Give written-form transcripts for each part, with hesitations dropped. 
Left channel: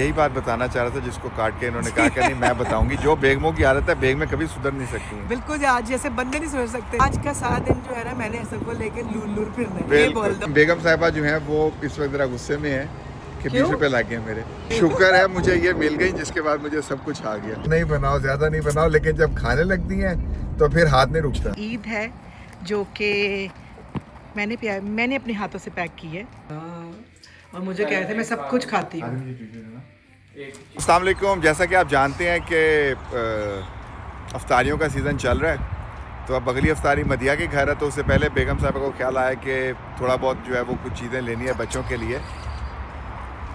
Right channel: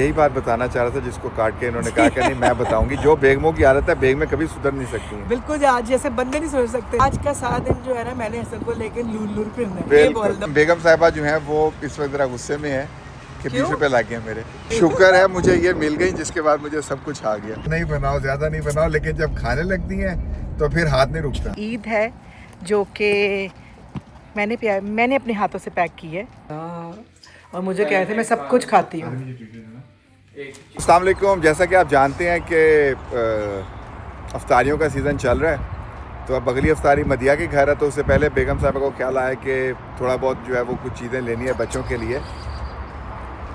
यही बात बताना चाह रहा था जिसको काट के इन्होंने कहा कि नहीं मैं बताऊंगी जो बेगमों की आदत है बेग में कभी सुधर नहीं सकती हैं। बिल्कुल आज जैसे बंदे नहीं सोच सकते। आज का सारा दिन जो है ना मैंने हसन को लेके लूर फिरना है, ये बोल दो। बेगम साहिबा जो है वो इस वक्त जरा गुस्से में है कि 20 रुपए लग गए मेरे। शुक्र है मुझे ये मिल गई जिसके बाद मुझे सब कुछ आ गया। नहीं बनाओ, ज्यादा नहीं बनाओ, लेकिन जब खाने लगती हैं तो फिर हाथ नहीं रुकता। ईद है जो कि मैंने अपने हाथों से पैक की है और मुझे कह रहे थे मैं सब कुछ खाती हूँ। अस्सलाम वालेकुम। जैसा कि आप जानते हैं कि अफ्तारियों का सीज़न चल रहा है, तो अब अगली अफ्तारी मदिया के घर है, तो उससे पहले बेगम साहब को ख्याल आया कि थोड़ा बहुत जो है वो कुछ चीज़ें लेनी है बच्चों के लिए।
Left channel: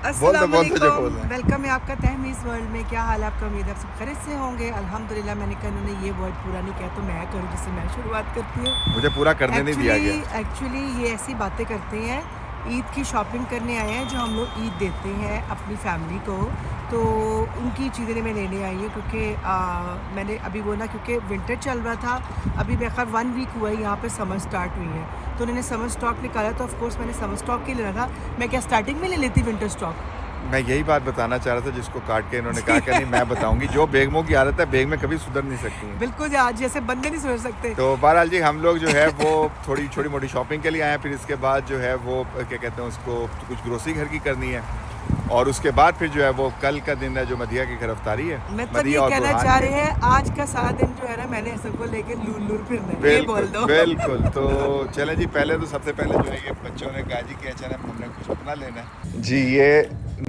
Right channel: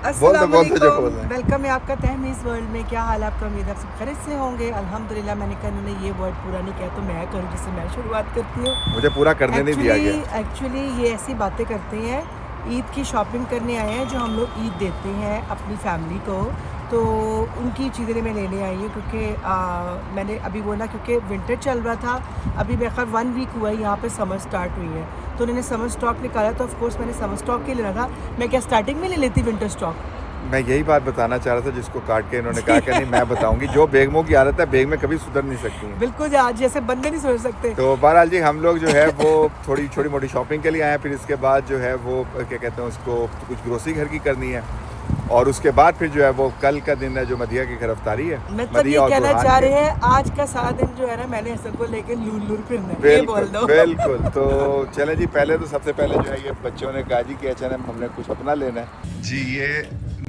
वेलकम है आपका तहमीज़ वर्ल्ड में। क्या हाल है आपका? उम्मीद है आप सब खैरियत से होंगे। अल्हम्दुलिल्लाह। मैंने कहा इन्होंने ये वर्ड पूरा नहीं किया तो मैं करूँ, जिससे मैं शुरुआत करती हूँ। मुझे पूरा करने नहीं दिया गया। एक्चुअली ये ऐसी बातें करते हैं, ईद की शॉपिंग करने आए हैं जो हम लोग ईद देते हैं अपनी फैमिली को, तो उनकी चीज़ें मैं लेने आई हूँ क्योंकि मैंने अभी बोला क्योंकि विंटर चल रहा था, अभी बेखैर 1 वीक हुआ है यहाँ पे समर स्टार्ट हुई है, तो उन्होंने समर स्टॉक निकाला, तो ऑफ कोर्स मैंने समर स्टॉक के लेना था। मैं क्या स्टार्टिंग में ले लेती विंटर स्टॉक? मैं यही बात बताना चाह रहा था जिसको काट के इन्होंने कहा कि नहीं मैं बताऊंगी जो बेगमों की आदत है बेग में कभी सुधर नहीं सकती हैं। बिल्कुल आज जैसे बंदे नहीं सोच सकते। तो बहरहाल जी हम लोग जो है वो थोड़ी छोटी मोटी शॉपिंग के लिए आए हैं, फिर इसके बाद जो है वो क्या कहते हैं उसको कुछ ग्रोसरी घर की करनी है, और उसके बाद फिर जो है वो कल का दिन है जो मदिया की गिरफ्तारी है। मतलब ये कहना चाह रहे हैं आज का सारा दिन जो है ना मैंने हसन को लेके लूर फिरना है, ये बोल दो। बिल्कुल। तो चले जी, पहले तो सबसे पहले जो है ये बच्चों ने कहा जी कि H&M हमने कुछ अपना लेना है जी। ये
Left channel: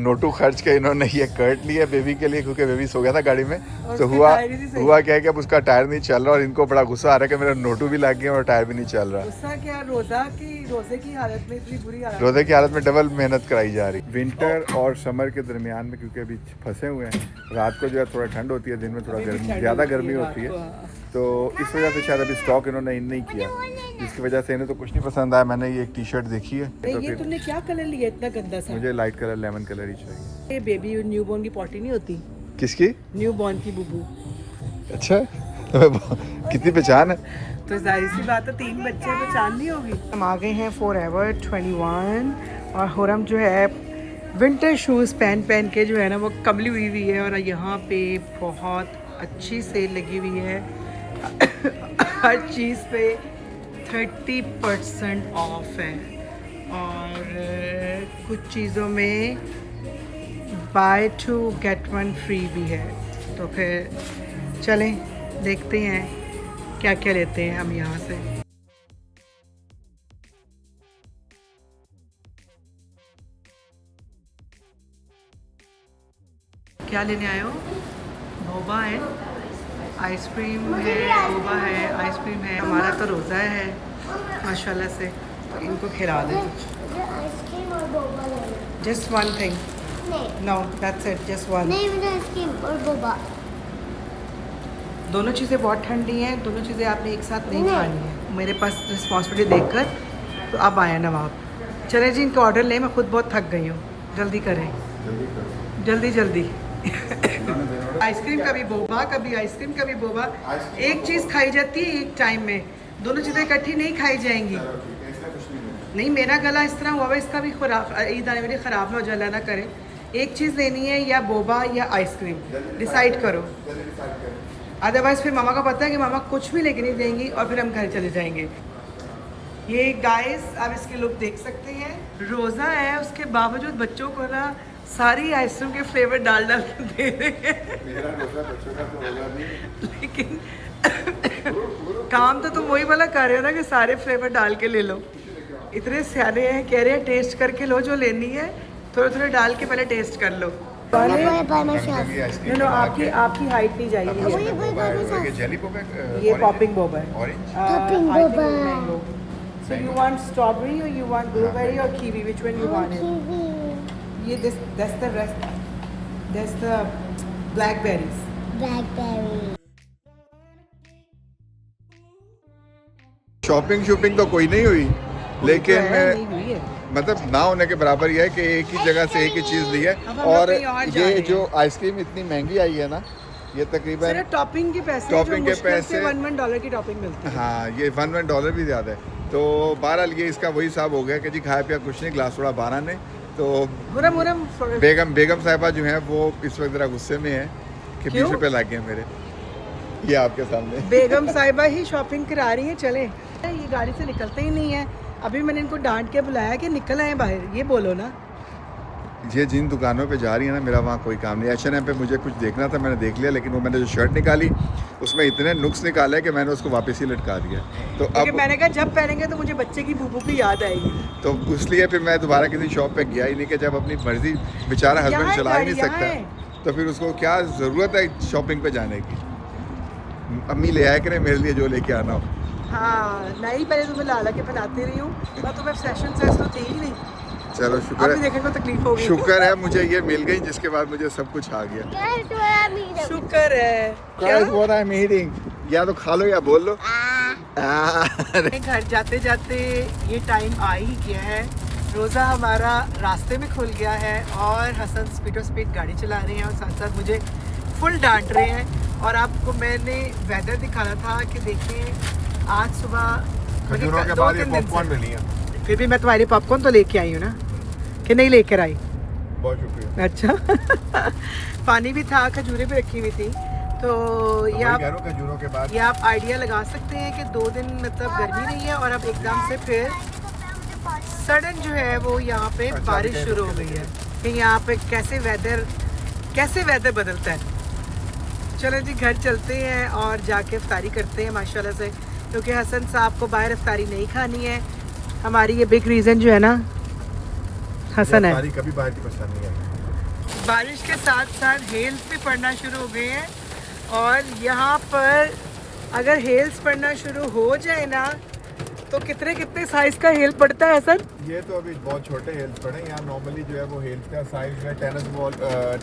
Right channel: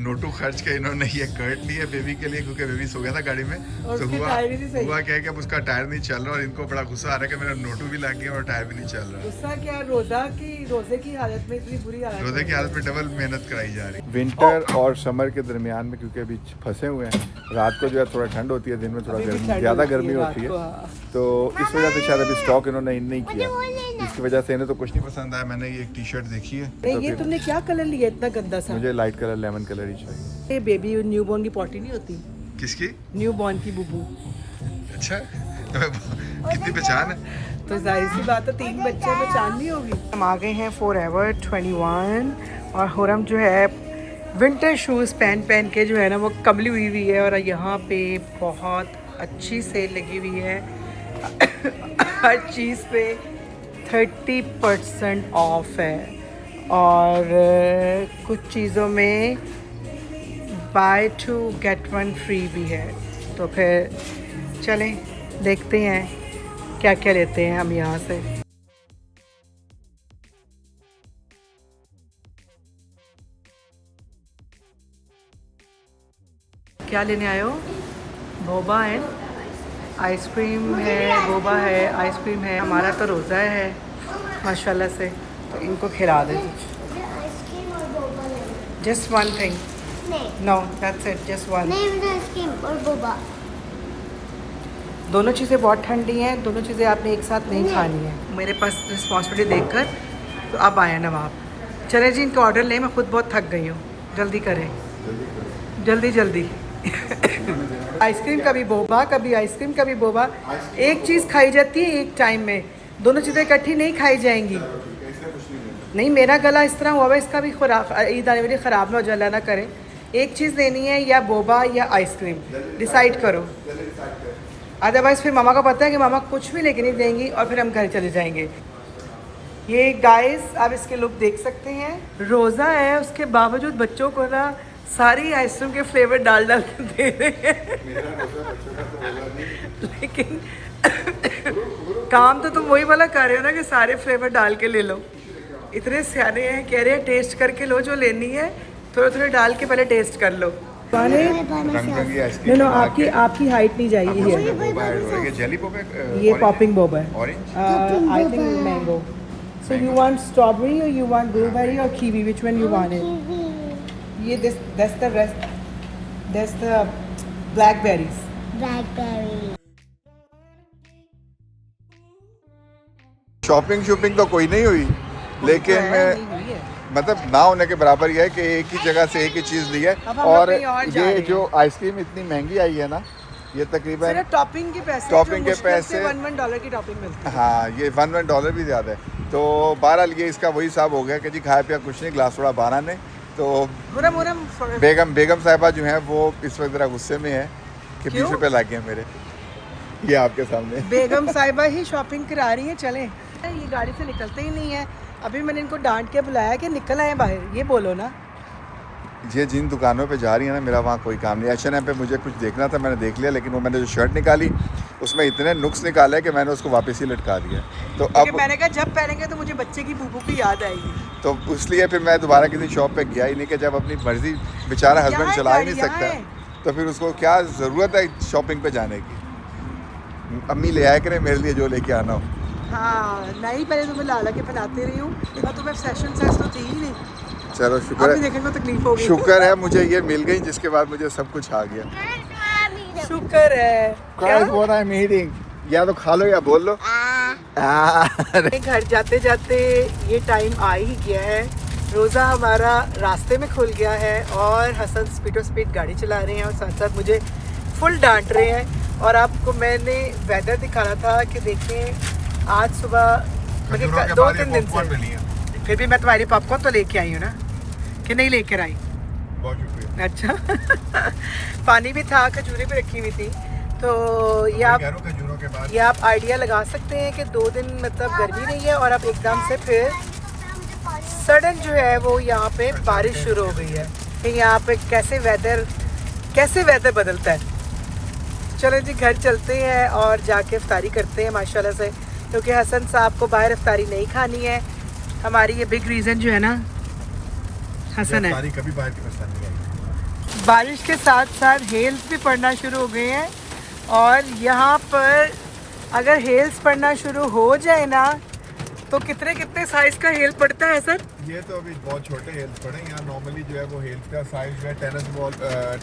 नोटू खर्च के इन्होंने ये कर्ट लिया बेबी के लिए क्योंकि बेबी सो गया था गाड़ी में, तो हुआ क्या है कि अब उसका टायर नहीं चल रहा और इनको बड़ा गुस्सा आ रहा है कि मेरा नोटू भी लग गया और टायर भी नहीं चल रहा। गुस्सा क्या, रोजे की हालत में इतनी बुरी हालत, रोजे की हालत में डबल मेहनत कराई जा रही। विंटर और समर के दरमियान में क्योंकि अभी फंसे हुए हैं, रात को जो है थोड़ा ठंड होती है, दिन में थोड़ा गर्मी ज़्यादा गर्मी होती है, तो इस वजह से शायद अभी स्टॉक इन्होंने इन नहीं किया, जिसकी वजह से इन्हें तो कुछ नहीं पसंद आया। मैंने ये एक टी शर्ट देखी है, तो ये तुमने क्या कलर लिया इतना गंदा सा? मुझे लाइट कलर लेमन कलर ही चाहिए। ये बेबी न्यूबॉर्न की पॉटी नहीं होती? किसकी? न्यूबॉर्न की बुबू। अच्छा कितनी पहचान है? तो जाहिर सी बात है 3 बच्चे पहचान नहीं होगी। हम आ गए हैं फॉरएवर 21 और हुरम जो है विंटर शूज़ पहन के जो है ना वो कबली हुई है, और यहाँ पे बहुत अच्छी सेल लगी हुई है हर चीज़ पे 30% ऑफ है, और कुछ चीज़ों में बाय 2 गेट 1 फ्री भी है। तो फिर चलें देखते हैं क्या क्या लेते हैं हम यहाँ से। क्या लेने आए हो? बोबा है, आइसक्रीम है, बोबा है, आइसक्रीम है। हमारा तो रोज़ा है माशाल्लाह से, तो इनको खिला दें कुछ। आइसक्रीम और बोबा लेना। Just one thing. No that's it, just one. नहीं, मुझे आइसक्रीम और बोबा। दोनों चीज़ें बहुत ठंडी हैं, दोनों चीज़ें आपने एक साथ नहीं खानी है। मेरे पास रिस्पॉन्सिबिलिटी देखकर तो अब आया नवाब। चले जी इनका ऑर्डर लें, मैं खुद बहुत थक गई हूँ। जल्दी करें, जल्दी आइसक्रीम का भी बोबा, कभी आइसक्रीम का भी बोबा। एक चीज़ खाई जाती है एक टाइम में, दोनों चीज़ें इकट्ठी नहीं खाई जाएंगी। नहीं मेरा गला इस तरह हुआ है, इसका भी ईद आने वाली ख़राब ना हो जाए, ना करें। एक चीज़ लेनी है, या बोबा या आइसक्रीम, डिसाइड करो। अदरवाइज़ फिर मामा का पता है कि मामा कुछ भी लेके नहीं देंगी और फिर हम घर चले जाएंगे। ये गाइस आप इसके लुक देख सकते हैं। रोज़ा है उसके बावजूद बच्चों को ना सारी आइसक्रीम के फ्लेवर डाल के दे रहे हैं लेकिन काम तो तुम वही वाला कर रहे हो ना कि सारे फ्लेवर डाल के ले लो। इतने सारे हैं, कह रहे हैं टेस्ट करके लो, जो लेनी है थोड़े डाल के पहले टेस्ट कर लो। आपकी हाइट नहीं जाएगी। ये पॉपिंग बोबा है, mango. So you want strawberry or you want blueberry or kiwi? Which one you want it? ये that's the blackberries. शॉपिंग तो कोई नहीं हुई, लेकिन मतलब ना होने के बराबर ही है कि एक ही जगह से एक ही चीज़ ली है। और ये जो आइसक्रीम इतनी महंगी आई है ना, ये तकरीबन टॉपिंग के पैसे $1 की टॉपिंग मिलती है। हाँ, ये $1 भी ज़्यादा है। तो बहरहाल ये इसका वही हिसाब हो गया कि जी खाया पिया कुछ नहीं, ग्लास थोड़ा 12 ने, तो मुरम मुरम बेगम साहिबा जो हैं वो इस वक्त जरा गुस्से में है कि 20 रुपए लग गए मेरे, ये आपके सामने। बेगम साहिबा ही शॉपिंग करा रही है। चले, ये गाड़ी से निकलते ही नहीं है। अभी मैंने इनको डांट के बुलाया कि निकल आए बाहर, ये बोलो ना। ये जिन दुकानों पे जा रही है ना, मेरा वहाँ कोई काम नहीं। H&M पे मुझे कुछ देखना था, मैंने देख लिया, लेकिन वो मैंने जो शर्ट निकाली उसमें इतने नुक्स निकाले कि मैंने उसको वापस ही लटका दिया। तो अब मैंने कहा जब पहनेंगे तो मुझे बच्चे की बूबू की याद आएगी, तो इसलिए फिर मैं दोबारा किसी शॉप पे गया ही नहीं, कि जब अपनी मर्जी बेचारा हस्बैंड चला ही नहीं सकता तो फिर उसको क्या ज़रूरत है शॉपिंग पे जाने की। अम्मी ले आया करें मेरे लिए जो लेके आना हो। हाँ नहीं, पहले तुम्हें लाला के बनाती रही हूँ, तो तुम्हें सेशन सेस तो थी ही नहीं। चलो शुक्र है, देखने को तकलीफ होगी। शुक्र है मुझे ये मिल गई, जिसके बाद मुझे सब कुछ आ गया। शुक्र है। क्या? या तो खा लो या बोल लो। घर जाते जाते ये टाइम आ ही गया है। रोज़ा हमारा रास्ते में खुल गया है और हसन स्पीड गाड़ी चला रहे हैं और साथ साथ मुझे फुल डांट रहे हैं। और आपको मैंने वेदर दिखाना था कि देखें आज सुबह मुझे 2-3 दिन से, फिर भी मैं तुम्हारी पॉपकॉर्न तो लेके आई हूँ ना, कि नहीं लेकर आई? बहुत शुक्रिया। अच्छा पानी भी था, खजूरें भी रखी हुई थी। तो ये आप आइडिया लगा सकते हैं कि 2 दिन मतलब गर्मी नहीं है और अब एकदम से फिर सडन जो है वो यहाँ पे बारिश शुरू हो गई है। कि यहाँ पे कैसे वेदर बदलता है। चलो जी घर चलते हैं और जाके इफ्तारी करते हैं माशाल्लाह से, क्योंकि हसन साहब को बाहर इफ्तारी नहीं खानी है। हमारी ये बिग रीज़न जो है ना हसन है। कभी बारिश के साथ साथ हेल्स भी पड़ना शुरू हो गए हैं और यहाँ पर अगर हेल्स पड़ना शुरू हो जाए ना तो कितने साइज का हेल पड़ता है सर? ये तो अभी बहुत छोटे हेल्स पड़े हैं। यहाँ नॉर्मली जो है वो हेल्स का साइज जो है टेनिस बॉल,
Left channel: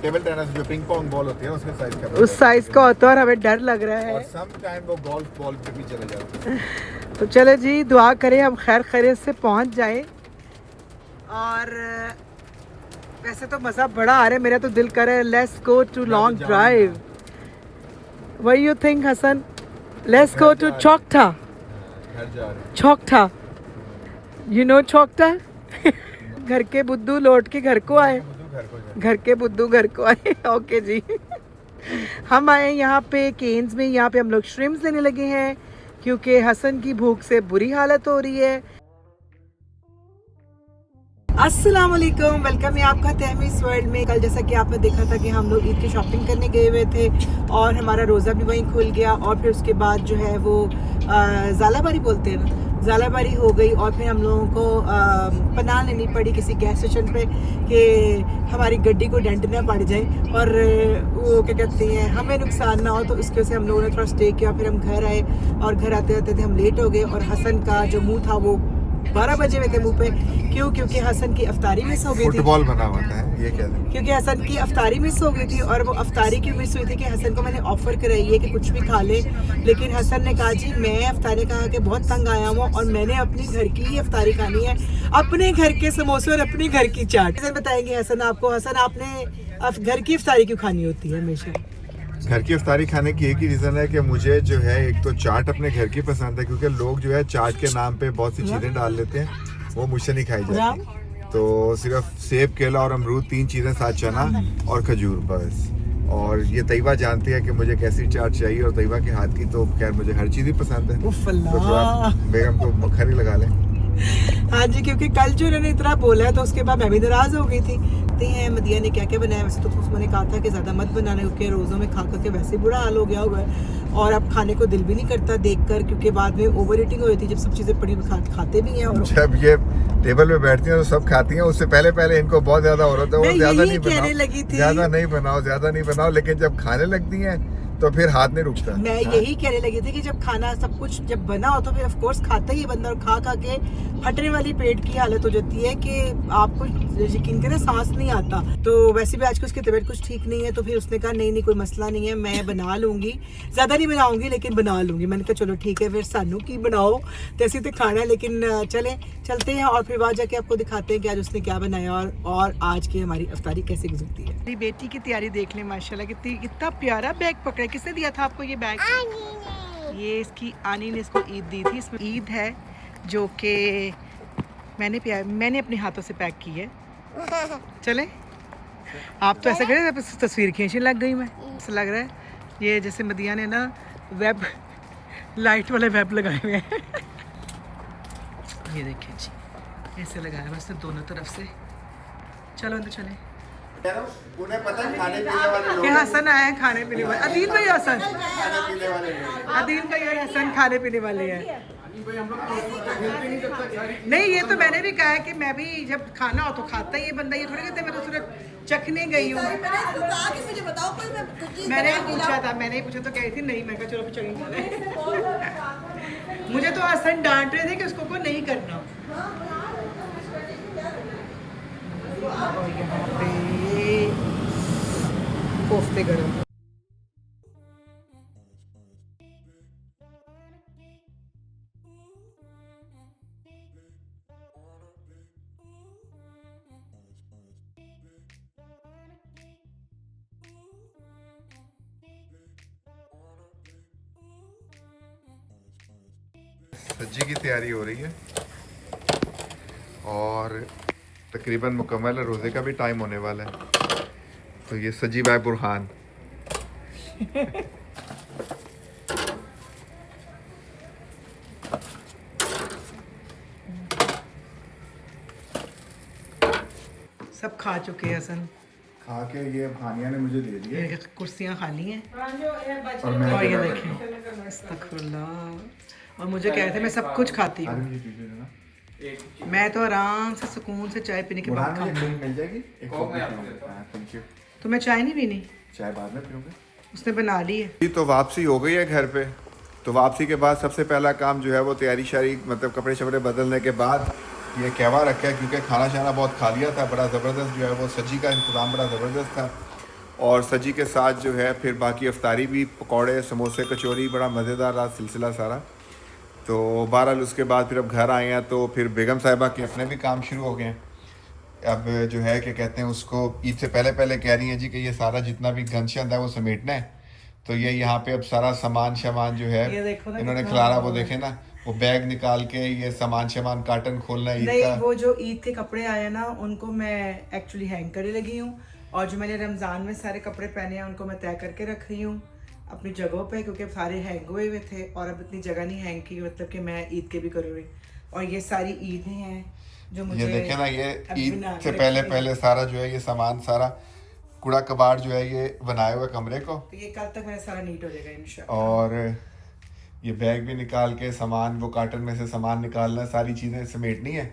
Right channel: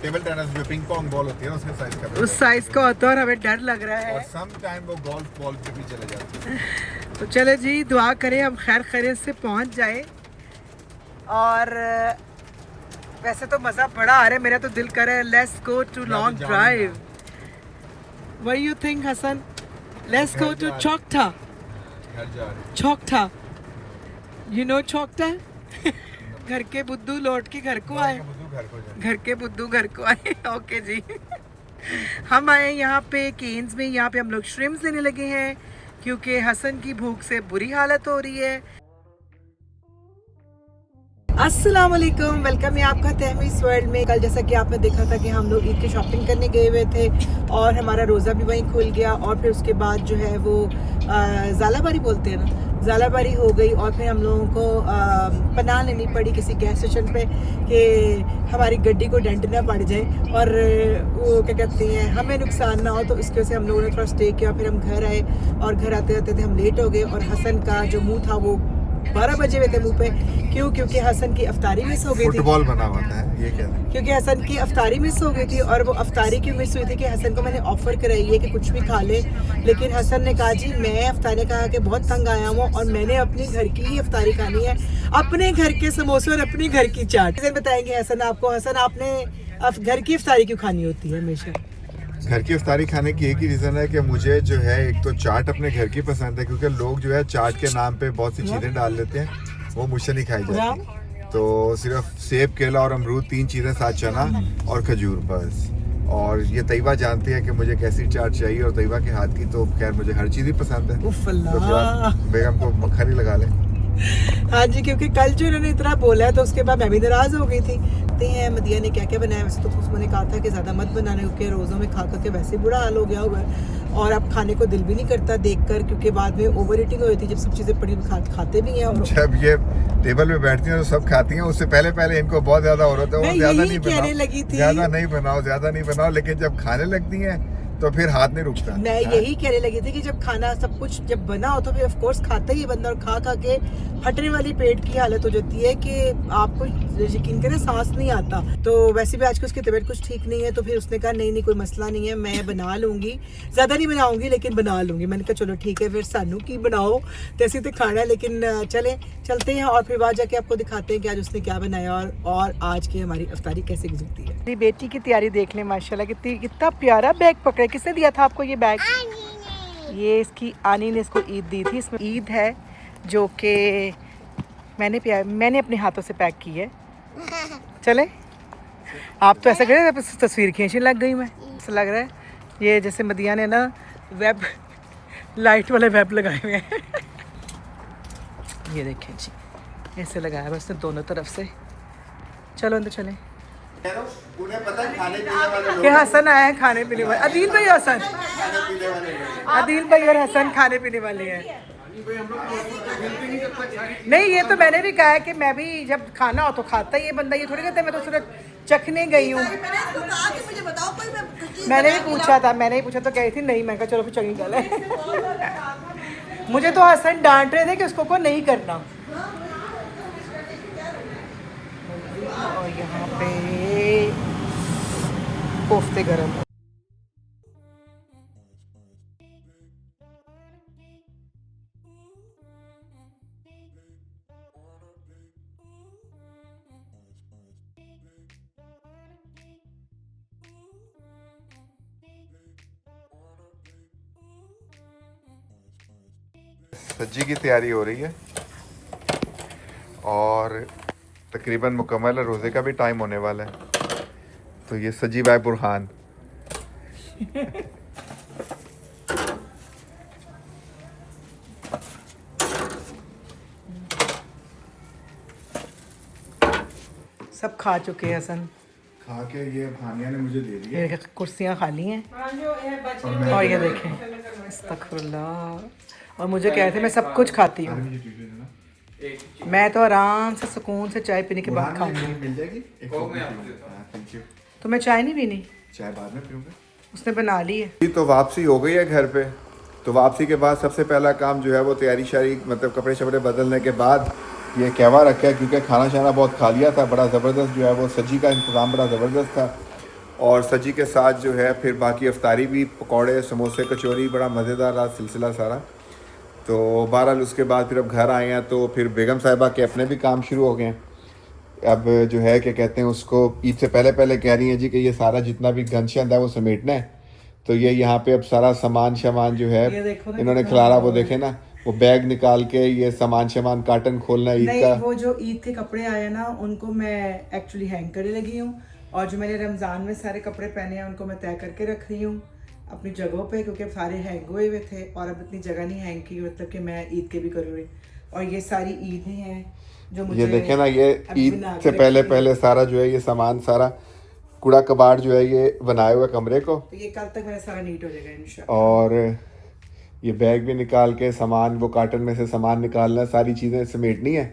टेबल टेनिस जो पिंग पोंग बॉल होती है उसके साइज का, उस साइज का होता है और हमें डर लग रहा है। और सम टाइम वो गोल्फ बॉल पे भी चले जाते हैं। तो चलो जी दुआ करें हम खैर खैरियत से पहुँच जाए। और वैसे तो मज़ा बड़ा आ रहा है, मेरा तो दिल करे let's go to long drive. What you think Hasan? Let's go to Chaukatha. Chaukatha, you know Chaukatha? घर के बुद्धू लौट के घर को आए, घर के बुद्धू घर को आए। ओके जी हम आए यहाँ पे केन्स में। यहाँ पे हम लोग श्रिम्स लेने लगे हैं क्योंकि हसन की भूख से बुरी हालत हो रही है। अस्सलाम वालेकुम, वेलकम है आपका तहमीस वर्ल्ड में। कल जैसा कि आपने देखा था कि हम लोग ईद की शॉपिंग करने गए हुए थे और हमारा रोज़ा भी वहीं खुल गया और फिर उसके बाद जो है वो ज़ालाबारी बोलते हैं ना, ज़ालाबारी हो गई। और फिर हम लोगों को पनाह लेनी पड़ी किसी गैस स्टेशन पे कि हमारी गड्डी को डेंट ना पड़ जाए और वो क्या कहते हैं हमें नुकसान ना हो। तो इसकी वजह से हम लोगों ने थोड़ा स्टे किया। फिर हम घर आए और घर आते आते थे हम लेट हो गए और हसन का जो मुँह था वो 12 बजे हुए थे मुँह पे। क्यों? क्योंकि हसन की अफ्तारी मिस हो गई थी। फुटबॉल बना हुआ था ये क्या? क्योंकि हसन की अफ्तारी मिस हो गई थी और वो अफ्तारी क्यों मिस हुई थी कि हसन को मैंने ऑफर कराई है कि कुछ भी खा ले, लेकिन हसन ने कहा जी मैं अफ्तारी खा के बहुत तंग आया हूँ और मैंने अपनी घर की ही अफ्तारी खानी है, अपने घर के समोसे और अपनी घर की चाट। बताएंगे हसन आपको, हसन आपने घर की अफ्तारी क्यों खानी होती है हमेशा? घर की इफ्तारी खाने की एक ही रीज़न है कि मुझे जो है एक तो चाट अपने घर की पसंद है, क्योंकि लोग जो है चाट के नाम पे बहुत सी चीज़ें डाल लेते हैं, वो मुझसे नहीं खाई जाती। तो सिर्फ सेब, केला और अमरूद 3 चीज़ें, साथ चना और खजूर बस। और ये तैयबा जानती है कि मुझे कैसी चाट चाहिए और तैयबा के हाथ की तो खैर मुझे हर चीज़ ही पसंद है। तो बेगम को मक्खन ही लगा लें। हाँ जी, क्योंकि कल जो इन्होंने इतना बोला है तो उसके बाद मैं भी नाराज़ हो गई थी। हैं मदिया ने क्या क्या बनाया, वैसे तो उसने कहा था कि ज़्यादा मत बनाना क्योंकि रोज़ों में खा करके वैसे बुरा हाल हो गया हुआ है और अब खाने को दिल भी नहीं करता देखकर, क्योंकि बाद में ओवर ईटिंग हो जाती है जब सब चीज़ें पड़ी खाते भी हैं। और जब ये टेबल पे बैठती हैं तो सब खाती हैं, उससे पहले इनको बहुत ज़्यादा हो रहा था वो ज़्यादा नहीं बनाओ, लेकिन जब खाने लगती हैं तो फिर हाथ नहीं रुकता। मैं यही कहने लगी थी कि जब खाना सब कुछ जब बना हो तो फिर ऑफ कोर्स खाता ही बंदा, और खा के फटने वाली पेट की हालत हो जाती है कि आपको यकीन करें सांस नहीं आता। तो वैसे भी आज को उसकी तबीयत कुछ ठीक नहीं है तो फिर उसने कहा नहीं कोई मसला नहीं है, मैं बना लूँगी, ज़्यादा नहीं बनाऊँगी लेकिन बना लूँगी। मैंने कहा चलो ठीक है फिर सानू की बनाओ तैसे तो खाना, लेकिन चलते हैं और फिर वहाँ जाके आपको दिखाते हैं कि आज उसने क्या बनाया और आज की हमारी अफ्तारी कैसे गुजरती है। मेरी बेटी की तैयारी देख लें माशाल्लाह, कितना प्यारा बैग पकड़ा। किसने दिया था आपको ये बैग? ये इसकी आनी ने इसको ईद दी थी। इसमें ईद है जो कि मैंने अपने हाथों से पैक की है चले आप तो ऐसा करें तस्वीर खींचने लग गई मैं, ऐसा लग रहा है ये जैसे मदिया ने ना वेब लाइट वाले वेब लगाए हुए हैं। ये देखिए जी ऐसे लगाया बस दोनों तरफ से। चलो अंदर चले। उन्हें पता है खाने पीने वाले लोग ये हसन आए हैं खाने पीने वाले, अदील भाई हसन, खाने पीने वाले लोग। अदील भाई और हसन खाने पीने वाले हैं। नहीं ये तो मैंने भी कहा है कि मैं भी जब खाना हो तो खाता ही ये बंदा, ये थोड़ी कहता है मैं तो सिर्फ चखने गई हूँ। मैंने भी पूछा था, तो कही थी नहीं, मैं कहा चलो फिर चली चले। मुझे तो हसन डांट रहे थे कि उसको नहीं करना। और यहाँ पे कोफ्ते गरम। सज्जी की तैयारी हो रही है और तकरीबन मुकम्मल है, रोज़े का भी टाइम होने वाला है। तो ये सज्जी बाय बुरहान। सब खा चुके हैं हसन, खा के ये खानिया ने मुझे दे दिया ये कुर्सियाँ खाली हैं। और मैं और ये देखें अस्तगफुरुल्लाह, और मुझे कहते मैं सब कुछ खाती हूँ। मैं तो आराम से सुकून से चाय पीने के बाद खाऊंगी। मिल जाएगी एक कॉफी पीऊंगा। Thank you. तो मैं चाय नहीं पीनी, चाय बाद में पीऊंगा। उसने बना ली है। तो वापसी हो गई है घर पे। तो वापसी के बाद सबसे पहला काम जो है वो तैयारी शारी, मतलब कपड़े शपड़े बदलने के बाद ये कहवा रखा है, क्योंकि खाना शाना बहुत खा लिया था। बड़ा ज़बरदस्त जो है वो सज्जी का इंतज़ाम बड़ा ज़बरदस्त था। और सज्जी के साथ जो है फिर बाकी अफ्तारी भी, पकौड़े समोसे कचौरी, बड़ा मज़ेदार रहा सिलसिला सारा। तो बहरहाल उसके बाद फिर अब घर आए हैं तो फिर बेगम साहिबा के अपने भी काम शुरू हो गए हैं। अब जो है क्या कहते हैं उसको, ईद से पहले पहले कह रही हैं जी कि ये सारा जितना भी गंद शंद है वो समेटना है। तो ये यहाँ पे अब सारा सामान जो है इन्होंने खिलारा, वो देखे ना, वो बैग निकाल के ये सामान कार्टन खोलना ईद का। वो जो ईद के कपड़े आए ना उनको मैं एक्चुअली हैंग करने लगी हूँ, और जो मैंने रमज़ान में सारे कपड़े पहने हैं उनको मैं तय करके रख रही हूँ अपनी जगहों पे, क्योंकि सारे हैंग हुए हुए थे और अब इतनी जगह नहीं हैंग की, मतलब कि मैं ईद के भी करूँगी। और ये सारी ईदें हैं जो मुझे, ये देखे ना, ये ईद से पहले सारा जो है ये सामान सारा कूड़ा कबाड़ जो है ये बनाए हुए कमरे को। तो ये कल तक मेरा सारा नीट हो जाएगा इंशाल्लाह। और ये बैग भी निकाल के सामान, वो कार्टन में से सामान निकालना, सारी चीज़ें समेटनी है।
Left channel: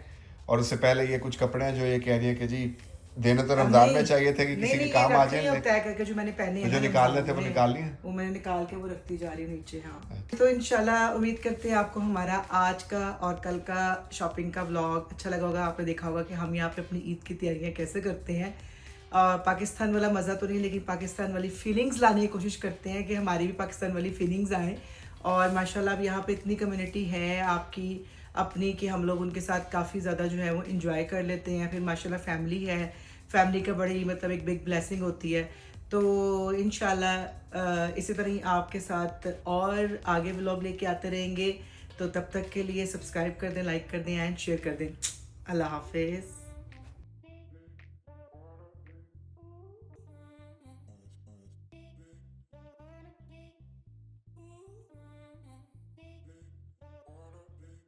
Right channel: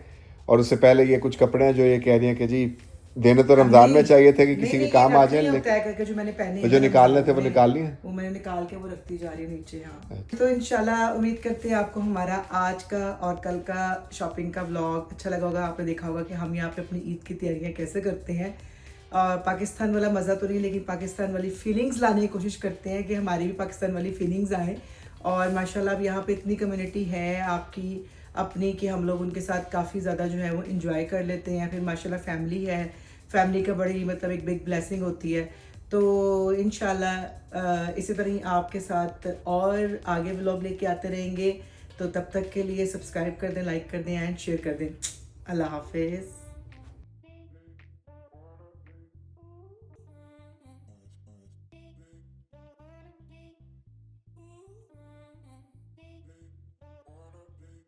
और उससे पहले ये कुछ कपड़े हैं जो ये कह रही हैं कि जी देने तो रमज़ान में चाहिए थे कि किसी के काम आ जाए, तय करके जो मैंने पहने जो निकालने थे वो निकाल लिए, वो मैंने निकाल के वो रखती जा रही हूँ नीचे। हाँ, तो इंशाल्लाह उम्मीद करते हैं आपको हमारा आज का और कल का शॉपिंग का व्लॉग अच्छा लगा होगा। आपने देखा होगा कि हम यहाँ पे अपनी ईद की तैयारियाँ कैसे करते हैं, और पाकिस्तान वाला मज़ा तो नहीं, लेकिन पाकिस्तान वाली फीलिंग्स लाने की कोशिश करते हैं कि हमारी भी पाकिस्तान वाली फीलिंग्स आए। और माशाल्लाह अब यहाँ पे इतनी कम्युनिटी है आपकी अपनी कि हम लोग उनके साथ काफ़ी ज़्यादा जो है वो इंजॉय कर लेते हैं। फिर माशाल्लाह फैमिली है, फैमिली का बड़ी मतलब एक बिग ब्लेसिंग होती है। तो इंशाल्लाह इसी तरह ही आपके साथ और आगे व्लॉग लेके आते रहेंगे। तो तब तक के लिए सब्सक्राइब कर दें, लाइक कर दें एंड शेयर कर दें। अल्लाह हाफिज़।